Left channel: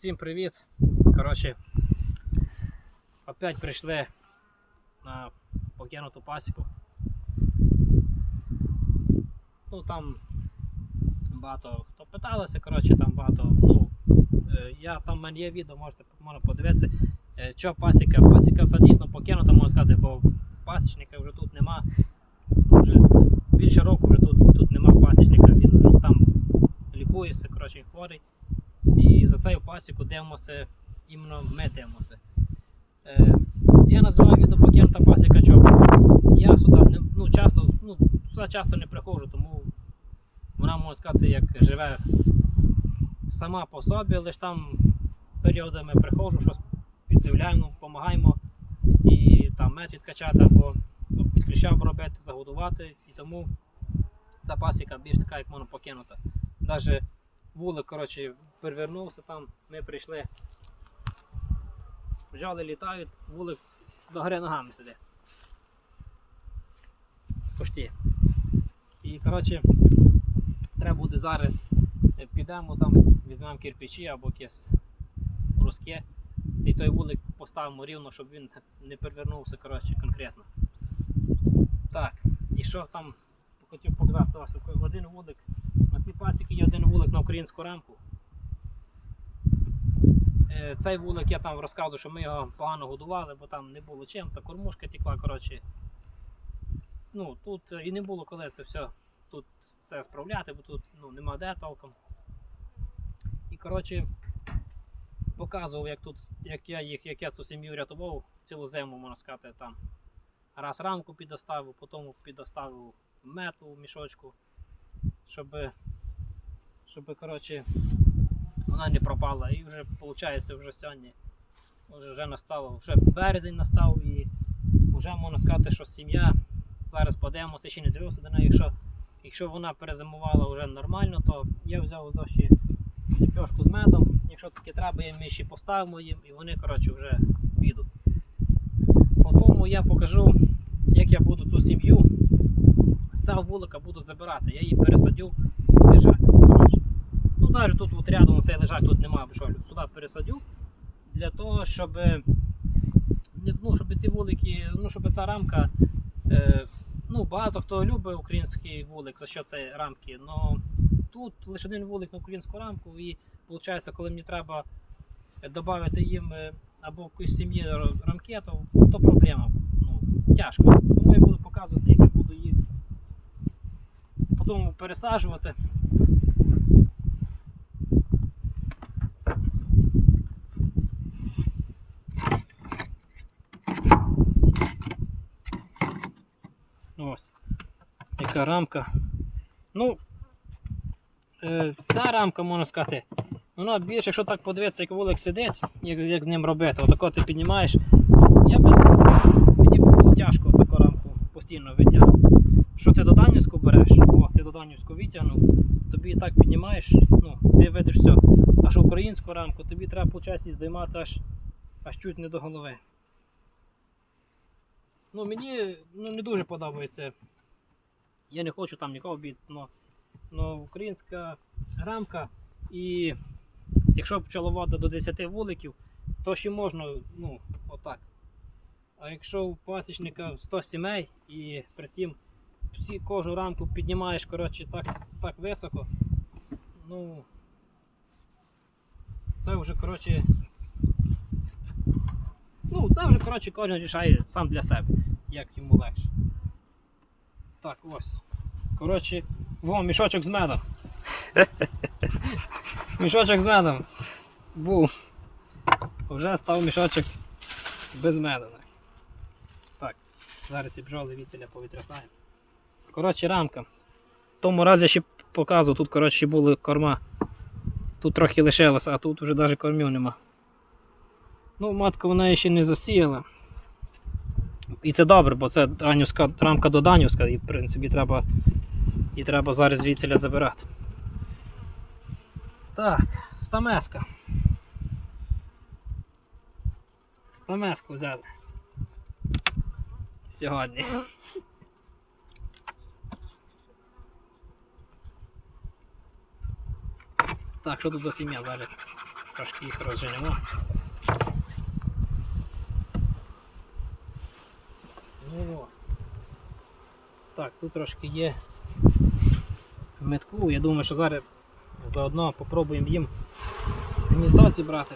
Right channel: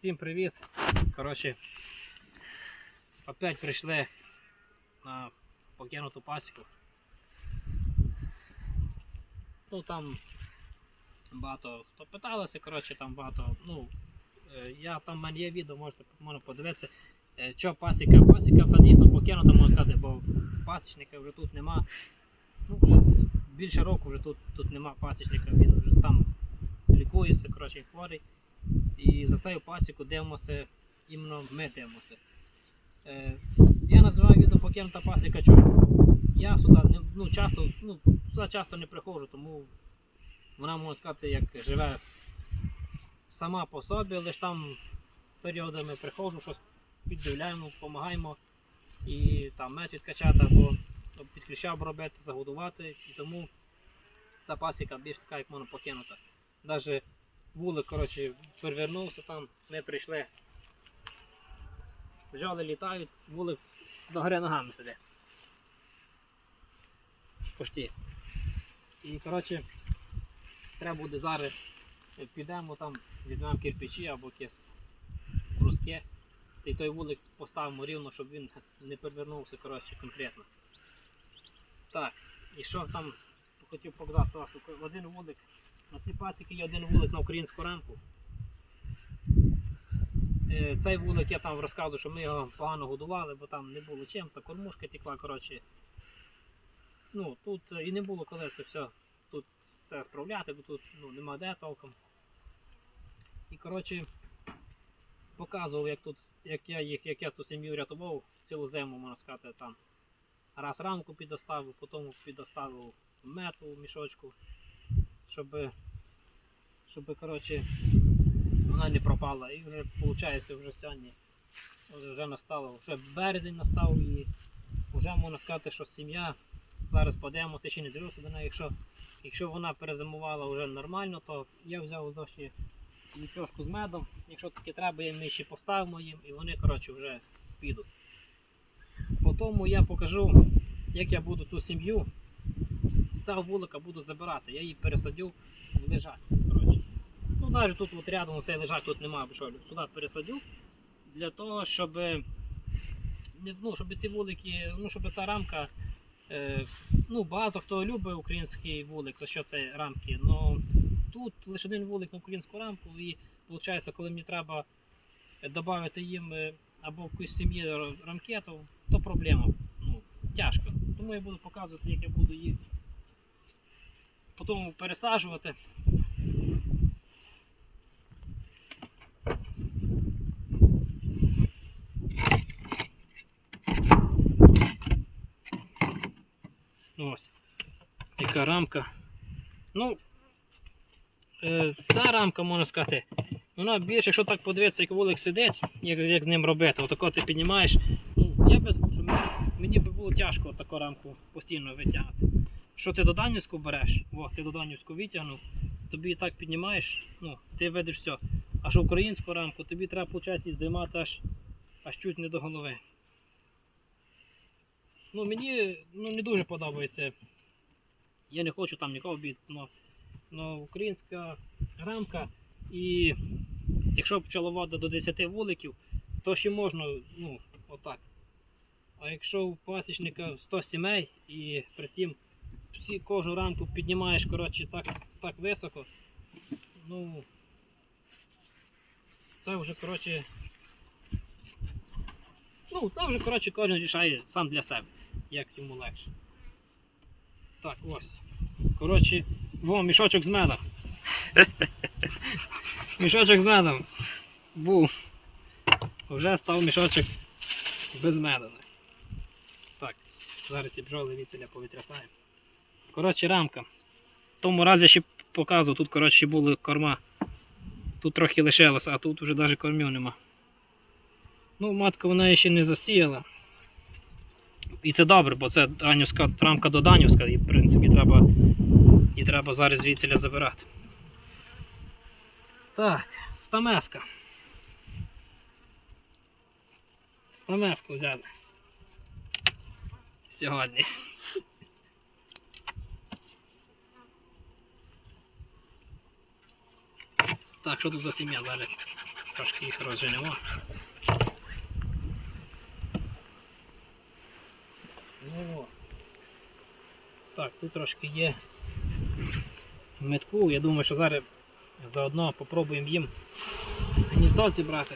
Всім привіт. Коротше, опять прийшли на покинуту пасіку. Ну там багато хто питалися, коротше, там багато. Ну, е, я там в мене є відео, можете можна подивитися. Е, Що пасіка? Пасіка це дійсно покинута, можна сказати, бо пасічника вже тут нема. Вже більше року вже тут, тут нема пасічника, він вже там лікується, коротше, хворий. І за цю пасіку дивимося, іменно ми дивимося. Е, я називаю відео покинута пасіка чому? Я сюди не, ну, часто, ну, сюди часто не приходжу, тому вона можна сказати, як живе сама по собі, лише там періодами приходжу, щось піддивляємо, допомагаємо і там мед відкачати або ну, під робити, загодувати. І тому ця пасіка більш така, як можна покинута. Навіть вулик, коротше, перевернувся там, ми прийшли. Бджоли літають, вулик догори ногами сидить. Почти. І коротше, треба буде зараз е, підемо там, візьмемо кирпичі або якесь бруски. І той вулик поставимо рівно, щоб він не перевернувся коротше, конкретно. Так, і що там хотів показати вас, один вулик на цій пасіки є один вулик на українську рамку. Е, Цей вулик я там розказую, що ми його погано годували, бо там не було чим, та кормушка текла, коротше. Ну, тут е, і не було коли це все тут все справляти, бо тут ну, нема де толком. І коротше показував, як тут, як я їх, як я цю сім'ю рятував цілу зиму, можна сказати, там. Раз рамку підоставив, потім підоставив мету в мішочку щоб, щоб коротше, вона не пропала. І вже виходить вже сьогодні вже настало, вже березень настав і вже можна сказати, що сім'я. Зараз подивимося, ще не дивився до неї. Якщо, якщо вона перезимувала вже нормально, то я взяв дощі пьошку з медом. Якщо таке треба, я ми ще поставимо їм і вони коротше, вже підуть. Потім я покажу, як я буду цю сім'ю цього вулика буду забирати. Я її пересадю лежак. коротше. Ну, навіть тут от рядом цей лежак тут немає, що сюди пересадю. Для того, щоб, ну, щоб ці вулики, ну, щоб ця рамка. Е, ну, багато хто любить український вулик, за що це рамки. Но тут лише один вулик на українську рамку, і виходить, коли мені треба додати їм е, або в якоїсь сім'ї р- рамки, то, то проблема. Ну, тяжко. Тому я буду показувати, як я буду їх потім пересаджувати. Ось. Яка рамка. Ну, е, ця рамка, можна сказати, вона більше, якщо так подивитися, як вулик сидить, як, як з ним робити, отако ти піднімаєш. Я би скажу, мені було тяжко таку рамку постійно витягати. Що ти до Данівську береш, о, ти до Данівську витягнув, тобі так піднімаєш, ну, ти видиш все. А що українську рамку, тобі треба виходить, здіймати аж, аж чуть не до голови. Ну, мені ну, не дуже подобається. Я не хочу там нікого бити, але українська рамка і якщо пчеловода до 10 вуликів, то ще можна, ну, отак. А якщо у пасічника 100 сімей і при тім всі, кожну рамку піднімаєш коротше, так, так високо, ну це вже коротше. Ну, це вже коротше, кожен рішає сам для себе, як йому легше. Так, ось. Коротше, во, мішочок з медом. мішочок з медом. Був. Вже став мішочок без меду. Так, зараз ці бджоли віцеля повітрясаємо. Коротше, рамка. В тому разі я ще показував, тут коротше, були корма. Тут трохи лишилося, а тут вже навіть кормів нема. Ну, матка вона ще не засіяла. І це добре, бо це ранівська, рамка до Данівська, і в принципі треба, і треба зараз звідсіля забирати. Так, стамеска. Стамеску взяли. Сьогодні. Так, що тут за сім'я зараз? Трошки їх розженемо. Ну. Так, тут трошки є метку. Я думаю, що зараз заодно попробуємо їм гніздо зібрати.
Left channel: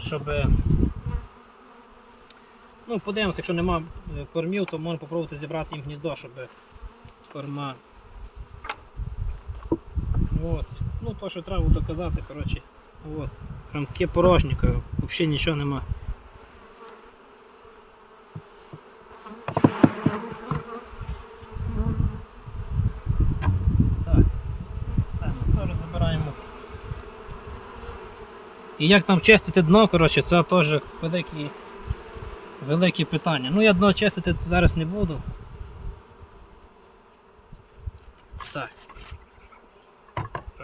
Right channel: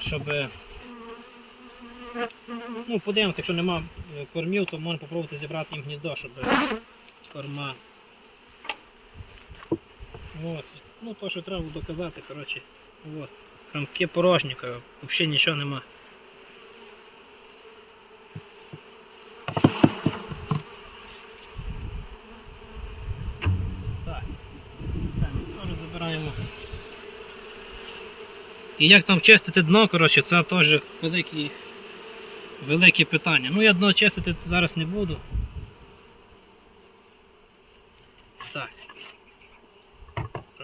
Щоб. е, Ну, подивимося, якщо нема е, кормів, то можна попробувати зібрати їм гніздо, щоб е, корма. От. Ну, то, що треба доказати, коротше. От. Рамки порожні, взагалі нічого нема. Так, це ми теж забираємо. І як там чистити дно, коротше, це теж великі, великі питання. Ну я дно чистити зараз не буду. Так.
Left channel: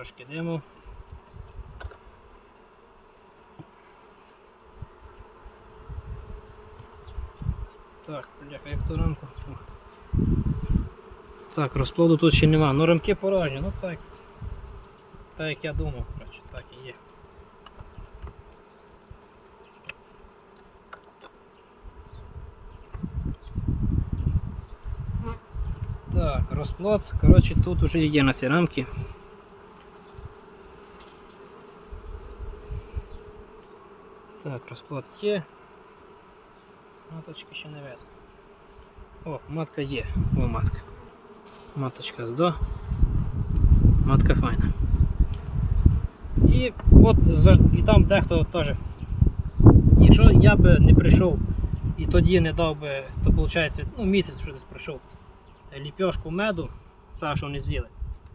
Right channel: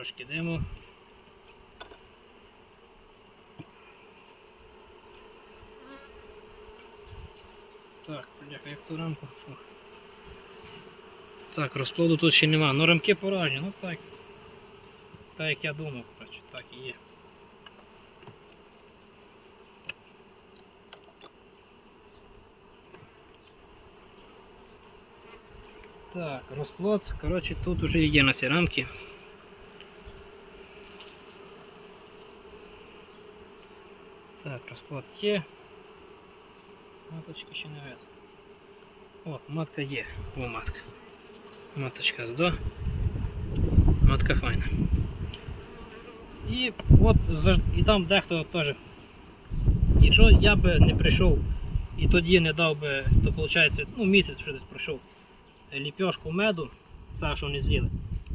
Трошки диму. Так, бляха, як цю рамку. Так, розплоду тут ще нема. Ну рамки порожні, ну так. Так як я думав, коротше, так і є. Так, розплод, коротше, тут вже є на ці рамки. Так, є. Маточки ще не видно. О, матка є. О, матка. Маточка здо. Матка файна. І от і там дехто теж. Якщо я би не прийшов і тоді не дав би, то виходить, ну місяць вже десь пройшов ліпьошку меду, це що вони з'їли,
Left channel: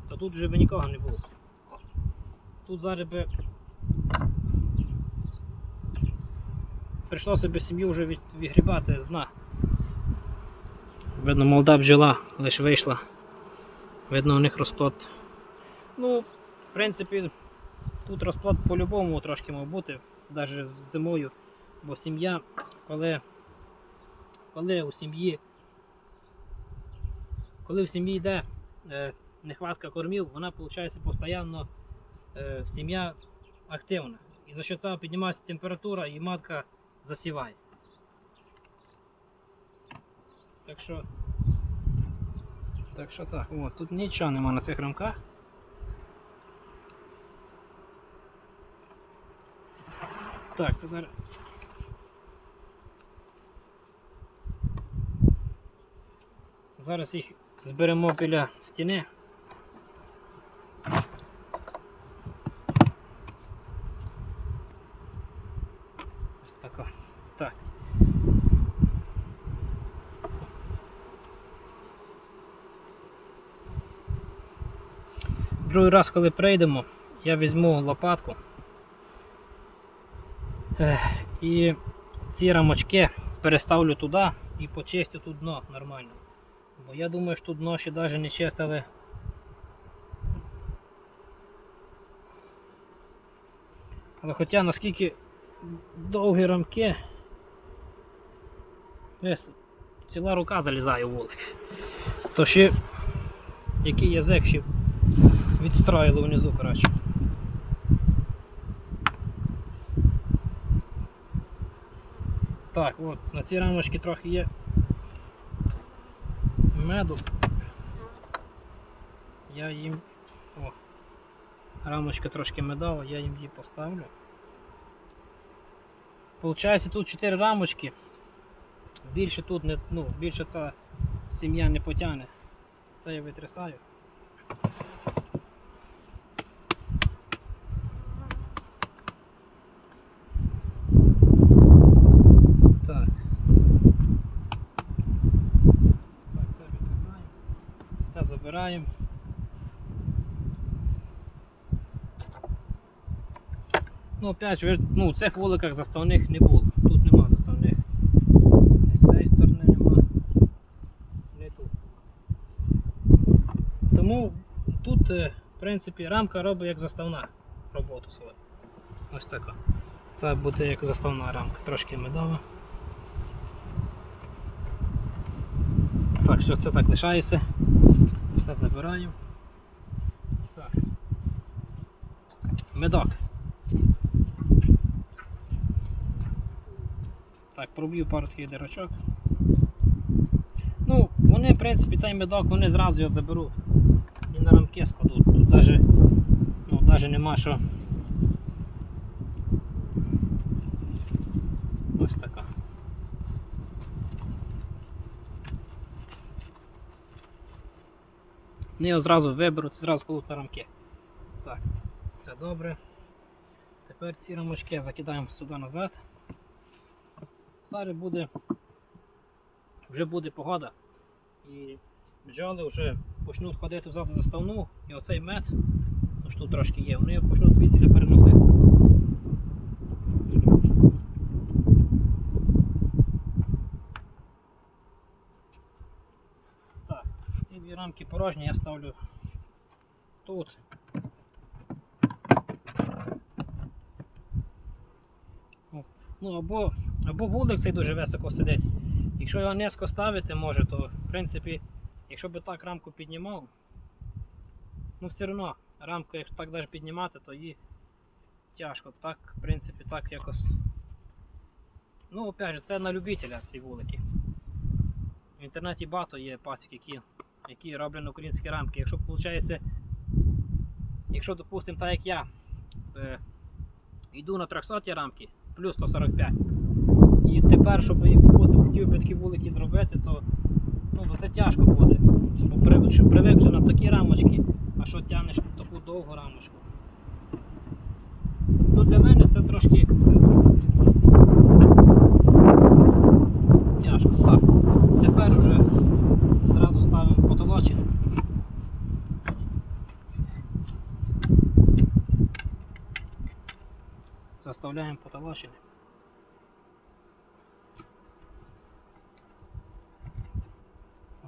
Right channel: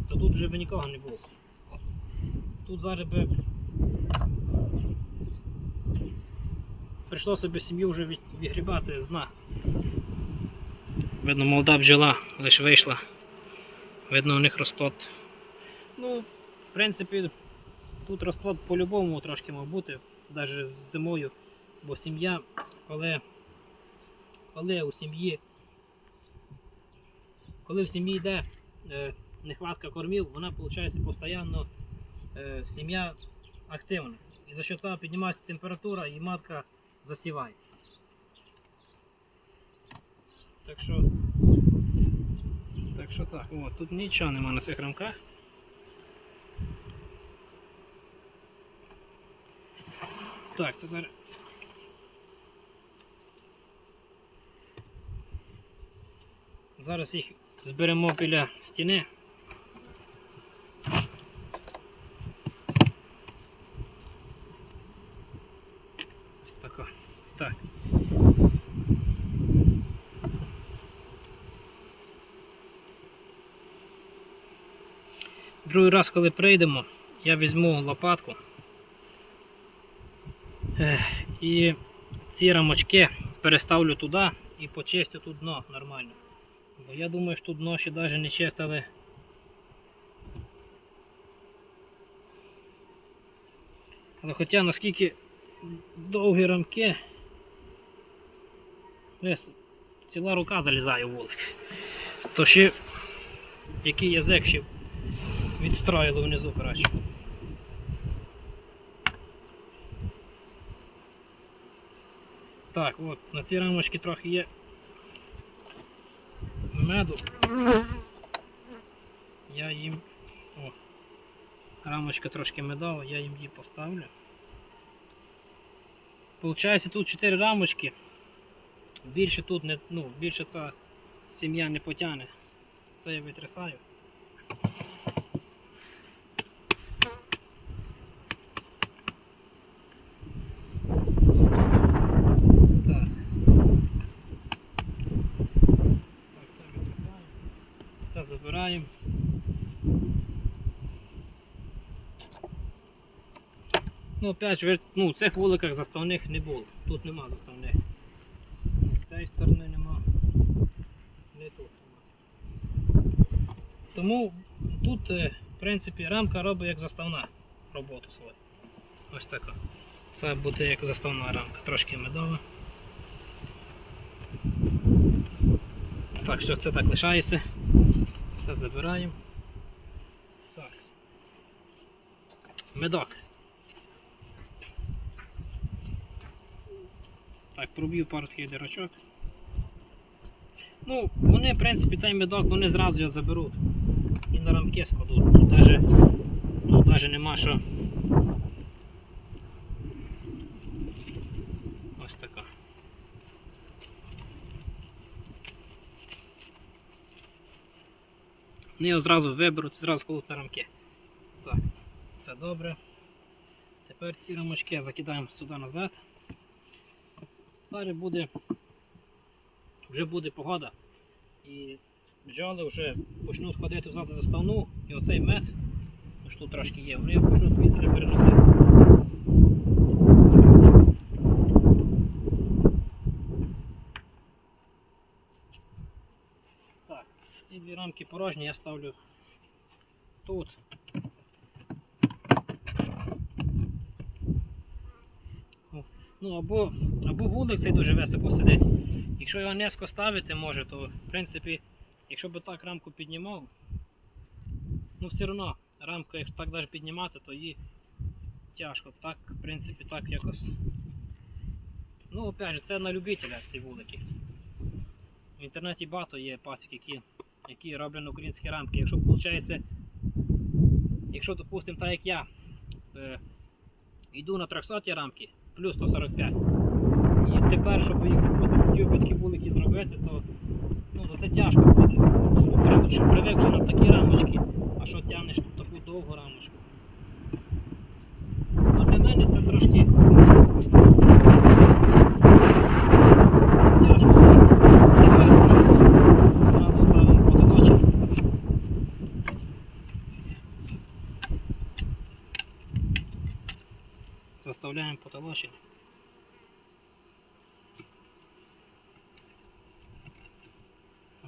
то тут вже би нікого не було. Тут зараз би прийшлося б сім'ю вже від- відгрібати з дна. Видно, молода бджола лише вийшла. Видно, у них розплод. Ну, в принципі, тут розплод по-любому трошки мав бути, навіть зимою, бо сім'я, коли, коли у сім'ї коли в сім'ї йде е, нехватка кормів, вона виходить постійно е, сім'я активна. І за що цього піднімається температура і матка засіває. Так що. Так що так, о, тут нічого нема на цих рамках. Так, це зараз. Зараз їх зберемо біля стіни. Ось тако. Так. Другий раз, коли прийдемо, я візьму лопатку і ці рамочки переставлю туди і почистю тут дно нормально. Бо я думаю, що тут дно ще навіть не чистили. Але хоча наскільки довгі рамки, ціла рука залізає в вулик, то ще який язик ще відстроїли внизу, коротше. Так, от, на цій рамочці трохи є меду. Я їм. О, рамочка трошки медова, я їм її поставлю. Получається тут 4 рамочки. Більше тут не, ну, більше ця сім'я не потягне. Це я витрясаю. Так. Так, це відрізаємо. Це забираємо. Ну, опять же, ну, в цих вуликах заставних не було. Тут нема заставних. Ні з цієї сторони нема. Не тут нема. Тому тут, е, в принципі, рамка робить як заставна роботу свою. Ось така. Це буде як заставна рамка, трошки медова. Так, все, це так лишається. Все забираємо. Так. Медок. Так, проб'ю пару таких дирочок. Ну, вони, в принципі, цей медок вони зразу його заберуть. І на рамки складуть. Тут навіть, ну, навіть нема що. Ось така. Вони його зразу виберуть, зразу кладуть на рамки. Так, це добре. Тепер ці рамочки закидаємо сюди назад. Зараз буде, вже буде погода. І бджоли вже почнуть ходити за заставну, і оцей мед, що тут трошки є, вони його почнуть звідси переносити. Так, ці дві рамки порожні я ставлю тут. Ну, або, або вулик цей дуже високо сидить. Якщо його низько ставити може, то в принципі, якщо би так рамку піднімав, ну все одно рамку, якщо так навіть піднімати, то її тяжко. Так, в принципі, так якось. Ну, опять же, це на любителя ці вулики. В інтернеті багато є пасік, які, які роблять українські рамки. Якщо виходить, якщо, допустимо, так як я е, йду на 300 рамки, плюс 145. І тепер, щоб їх хотів би такі вулики зробити, то, ну, це тяжко буде. Щоб Щоб привик вже на такі рамочки, а що тягнеш таку довгу рамочку. Ну, для мене це трошки тяжко. Так. Тепер вже зразу ставимо потолочок. Заставляємо потолочення.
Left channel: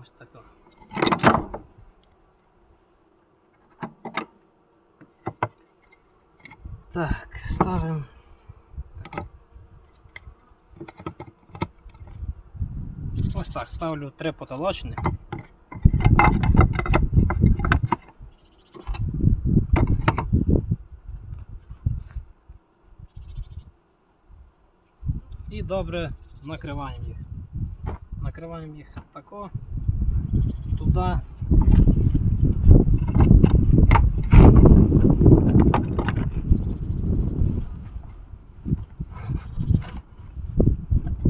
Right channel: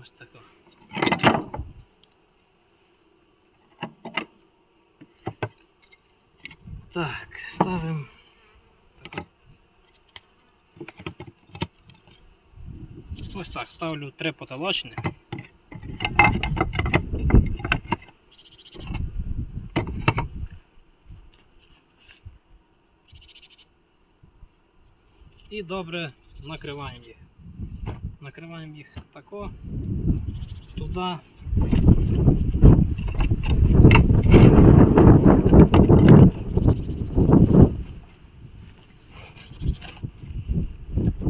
Ось тако. Так, ставимо. тако. Ось так, ставлю три потолочні. І добре накриваємо їх. Накриваємо їх тако, туди.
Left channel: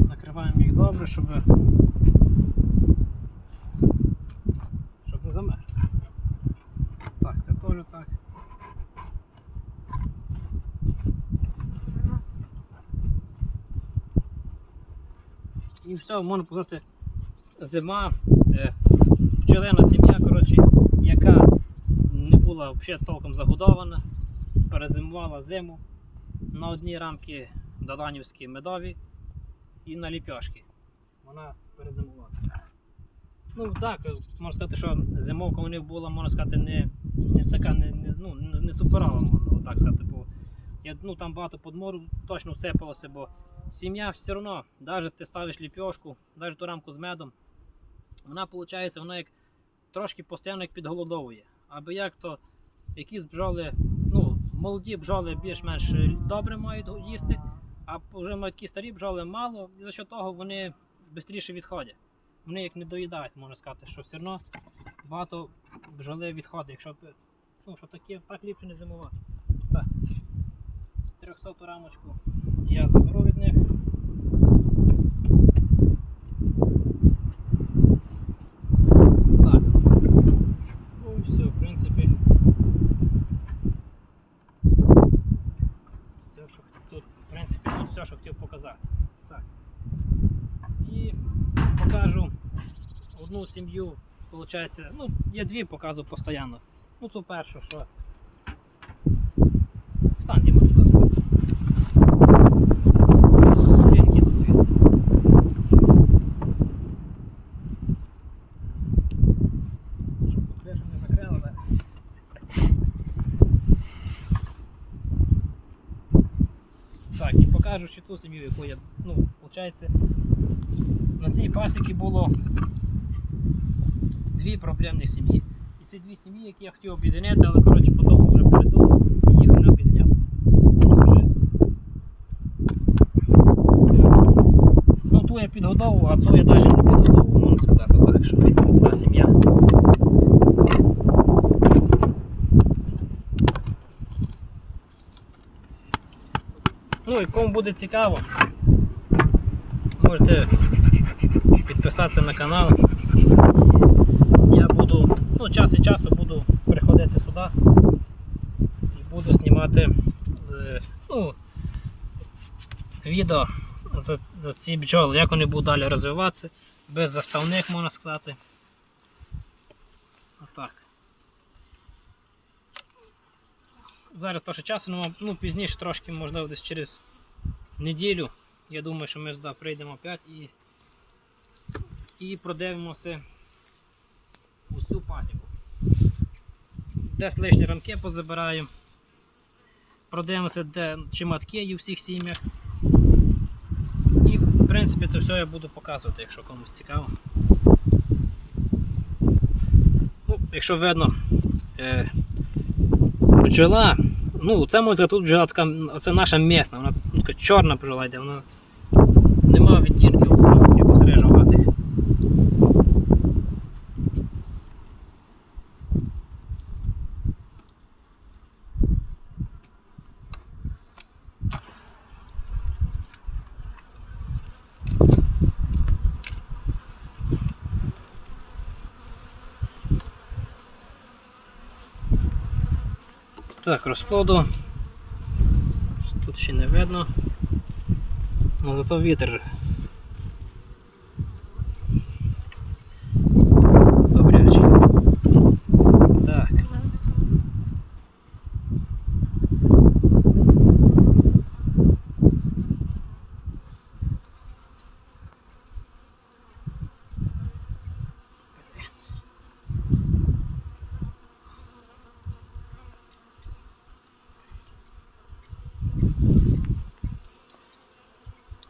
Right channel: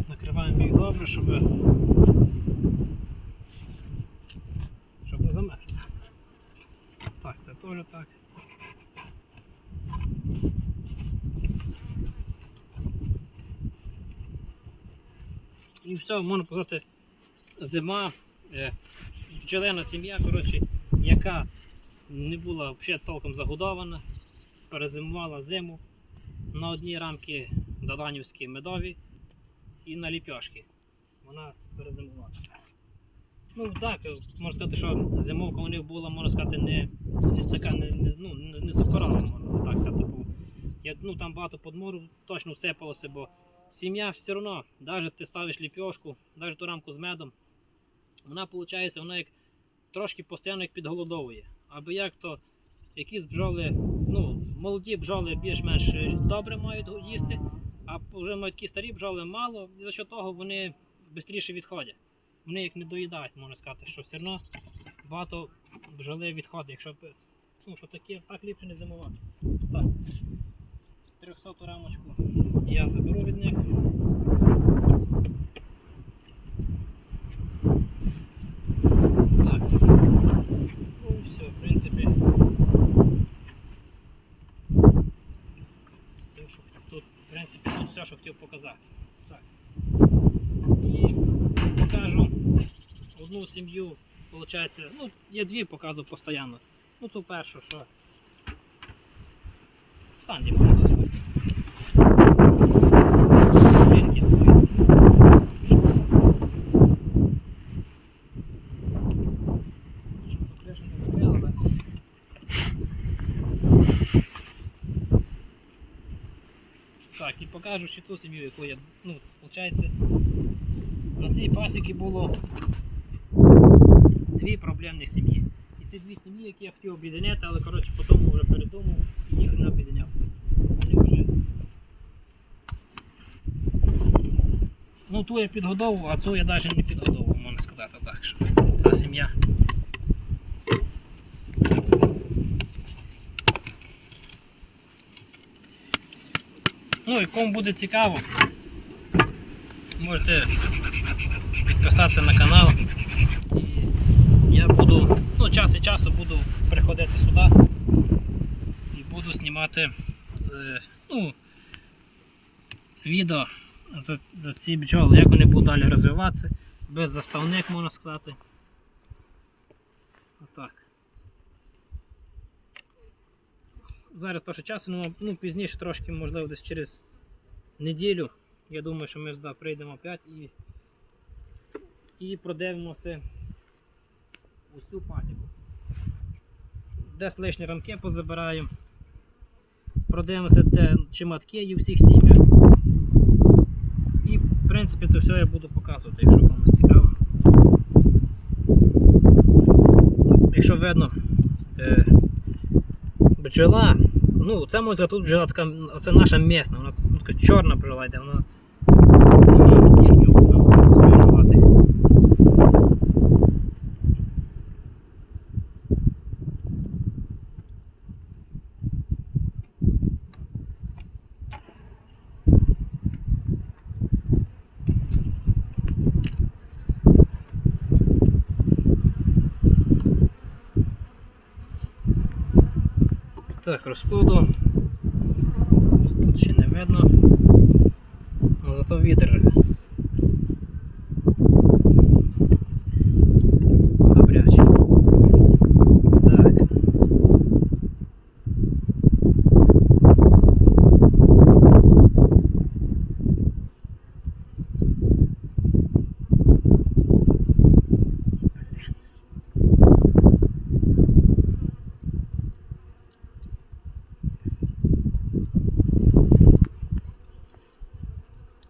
Накриваємо їх добре, щоб, щоб не замерзли. Так, це теж так. І все, можна сказати, зима, е, пчелина сім'я, коротше, яка не була взагалі толком загодована, перезимувала зиму на одні рамки доданівські медові і на ліпьошки. Вона перезимувала. Ну так, можна сказати, що зимовка у них була, можна сказати, не, не така, не, не, ну, не, суперова, можна так сказати. Я, ну, там багато подмору точно всипалося, бо сім'я все одно, навіть ти ставиш ліпьошку, навіть ту рамку з медом, вона виходить, вона як трошки постійно як підголодовує. Або як то якісь бджоли, ну, молоді бджоли більш-менш добре мають їсти, а вже мають такі старі бджоли мало, і за що того вони швидше відходять. Вони як не доїдають, можна сказати, що все одно багато бджоли відходить, якщо ну, що таке, так ліпше не зимувати. Так. 300 рамочку я заберу від них. Так. Ну все, в принципі. Все, що тут, тут все, що хотів показати. І покажу одну сім'ю, виходить, ну, я дві показую постійно. Ну, цю першу, що. Стань, будь ласка. мережу чи ту сім'ю, яку я. ну, виходить, На цій пасіки було дві проблемні сім'ї. І ці дві сім'ї, які я хотів об'єднати, але коротше, потім вже передумав і їх не об'єднав. Вже... Ну, ту я підгодовував, а цю я навіть не підгодовував, можна сказати так, що ця сім'я. Ну і кому буде цікаво, можете підписатися на канал. Я буду, ну, час від часу буду приходити сюди і буду знімати е, ну, відео за, за ці бджоли, як вони будуть далі розвиватися, без заставних можна сказати. Отак. Зараз трохи часу нема, ну пізніше трошки, можливо, десь через неділю. Я думаю, що ми сюди прийдемо опять і, і продивимося усю пасіку. Десь лишні рамки позабираємо. Продивимося, де, чи матки є у всіх сім'ях. І в принципі це все я буду показувати, якщо комусь цікаво. Ну, Якщо видно, е, бджола, ну це сказати, тут бджола така, це наша місна, вона ну, така чорна бджола йде, вона немає відтінків якось рижуватих. Так, розплоду. Тут ще не видно. Ну зато вітер. Добряче. Так.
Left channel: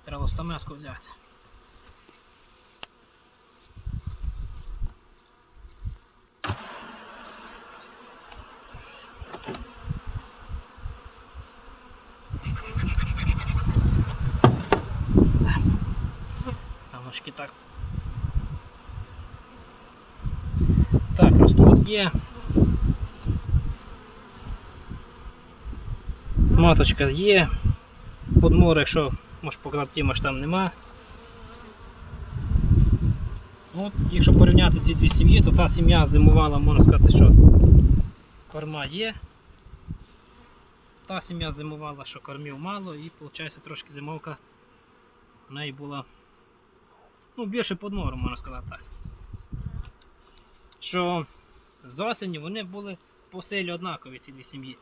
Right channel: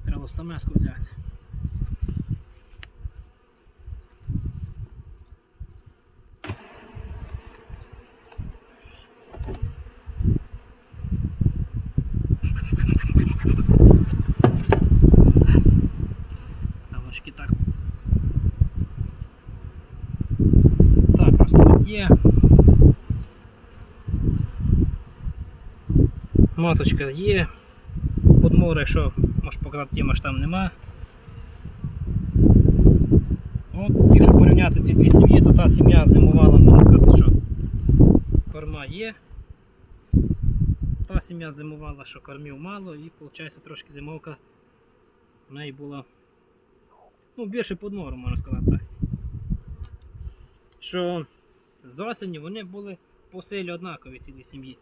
Треба стамеску взяти. Рамочки так. Так, розплод є. Маточка є. Подмор, якщо можеш показати тіма, там нема. От, якщо порівняти ці дві сім'ї, то ця сім'я зимувала, можна сказати, що корма є. Та сім'я зимувала, що кормів мало, і виходить трошки зимовка в неї була ну, більше подмору, можна сказати так. Що з осені вони були по силі однакові ці дві сім'ї.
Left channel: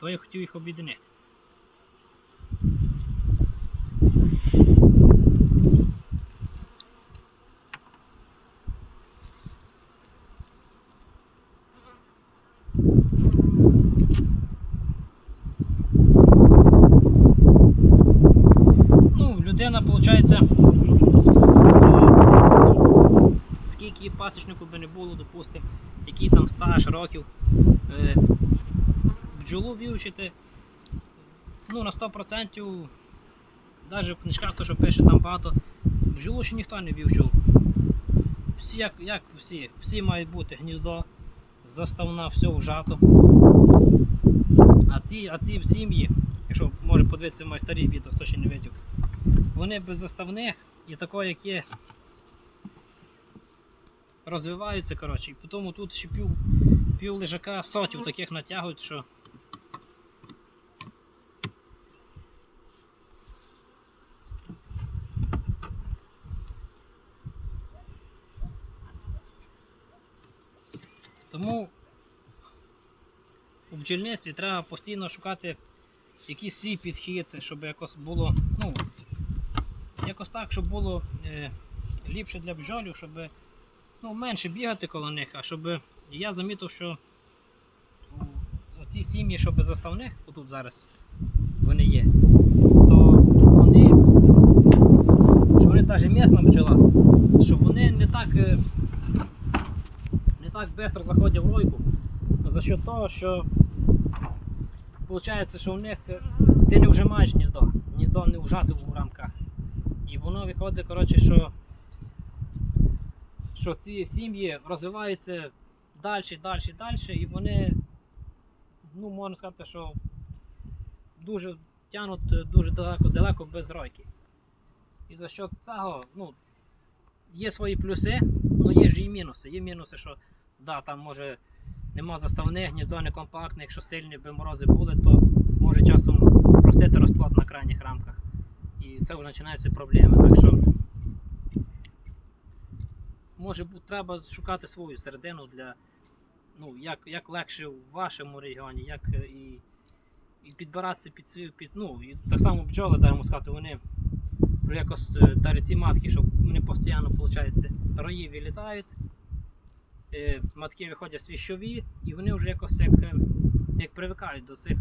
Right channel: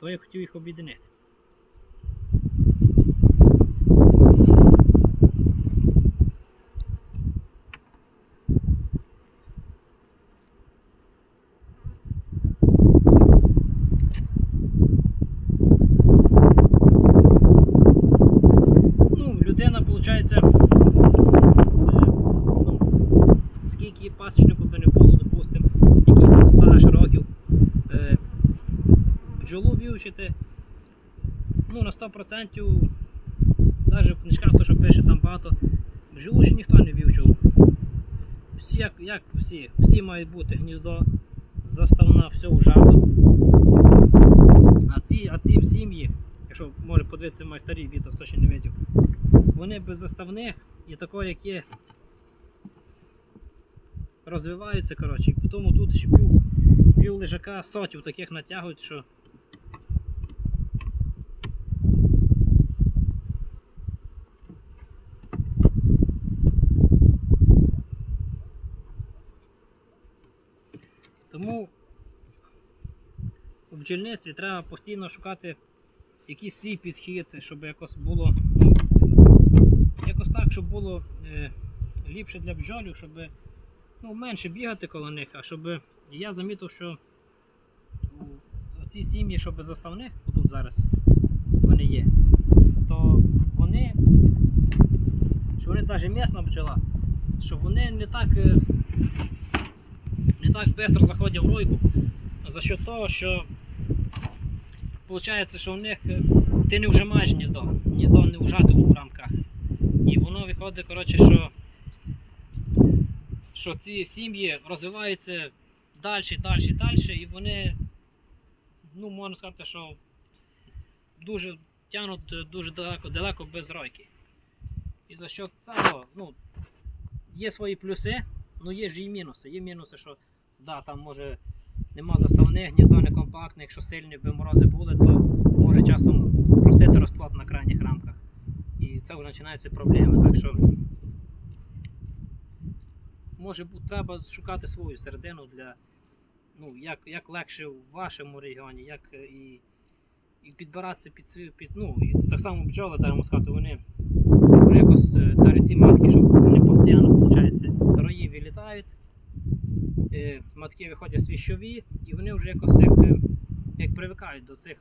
То я хотів їх об'єднати. Ну, людина, виходить, скільки пасічнику би не було, допустимо, який там стаж років, е, бджолу вивчити, ну, на 100%, навіть в книжках, то, що пише там багато, бджолу ще ніхто не вивчив. Всі, як, як всі, всі мають бути гніздо, заставна, все вжато. А ці, а ці сім'ї, якщо може подивитися мої старі відео, хто ще не бачив, вони без заставних і такого, як є, розвиваються, коротше, і тому тут ще пів, пів лежака сотів таких натягують, що Тому у бджільництві треба постійно шукати якийсь свій підхід, щоб якось було, ну, якось так, щоб було е, ліпше для бджолів, щоб ну, менше бігати коло них, а щоб я замітив, що ці сім'ї, щоб заставних, отут зараз вони є, то вони, що вони навіть місна бджола, що вони не так. е, не так швидко заходять в лойку за счет того, що виходить, що в них е, ти не вжимаєш гніздо, гніздо не вжати у рамках. І воно виходить, коротше, що, що ці сім'ї розвиваються далі, далі, далі, і вони, ну, можна сказати, що дуже тягнуть дуже далеко, далеко без ройки. І за що цього, ну, є свої плюси, але є ж і мінуси. Є мінуси, що да, там може нема заставних, гніздо не компактне, якщо сильні би морози були, то може часом простити розплод на крайніх рамках. І це вже починаються проблеми. Так що може треба шукати свою середину для ну, як, як легше в вашому регіоні, як е, і, і підбиратися під свою під, ну, і так само бджоли, даємо сказати, вони якось е, навіть ці матки, щоб вони постійно, е, матки виходять свіщові, і вони вже якось як, е, як привикають до цих,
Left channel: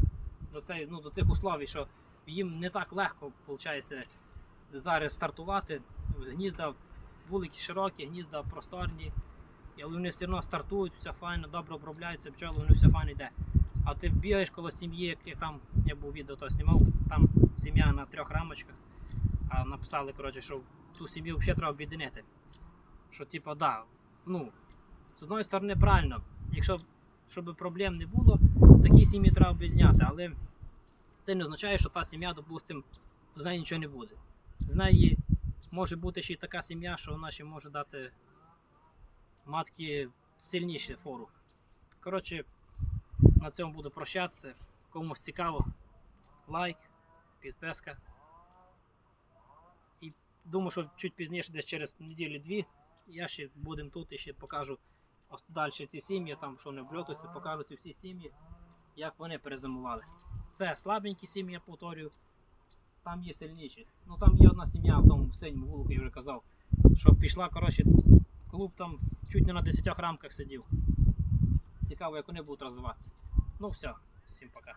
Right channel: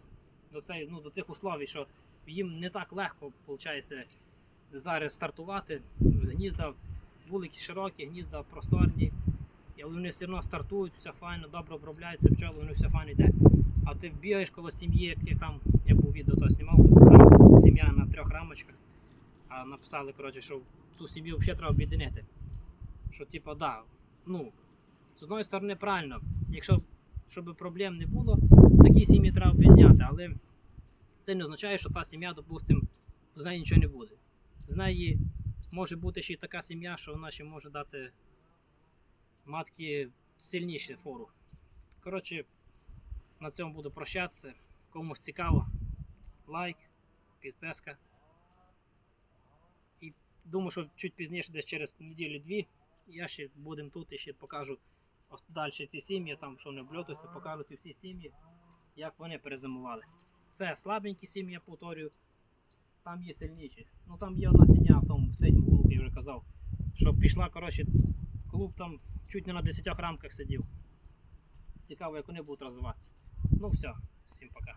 до, цей, ну, до цих условій, що їм не так легко виходить, зараз стартувати. Гнізда вулики широкі, гнізда просторні, але вони все одно стартують, все файно, добре обробляються, пчоли, вони все файно йде. А ти бігаєш коло сім'ї, як я там, я був відео то знімав, там сім'я на трьох рамочках, а написали, коротше, що ту сім'ю взагалі треба об'єднати. Що, типу, да, ну, з одної сторони, правильно, якщо щоб проблем не було, такі сім'ї треба об'єдняти, але це не означає, що та сім'я, допустимо, з неї нічого не буде. З неї може бути ще й така сім'я, що вона ще може дати матки сильніше фору. Коротше, на цьому буду прощатися. Комусь цікаво, лайк, підписка. І думаю, що чуть пізніше, десь через неділю-дві, я ще будемо тут і ще покажу далі ці сім'ї, там що не обльотуються, покажуть всі сім'ї, як вони перезимували. Це слабенькі сім'ї, я повторюю. Там є сильніші. Ну там є одна сім'я в тому синьому вулику, я вже казав, що пішла, коротше, клуб там чуть не на 10 рамках сидів. Цікаво, як вони будуть розвиватися. Ну все, всім пока.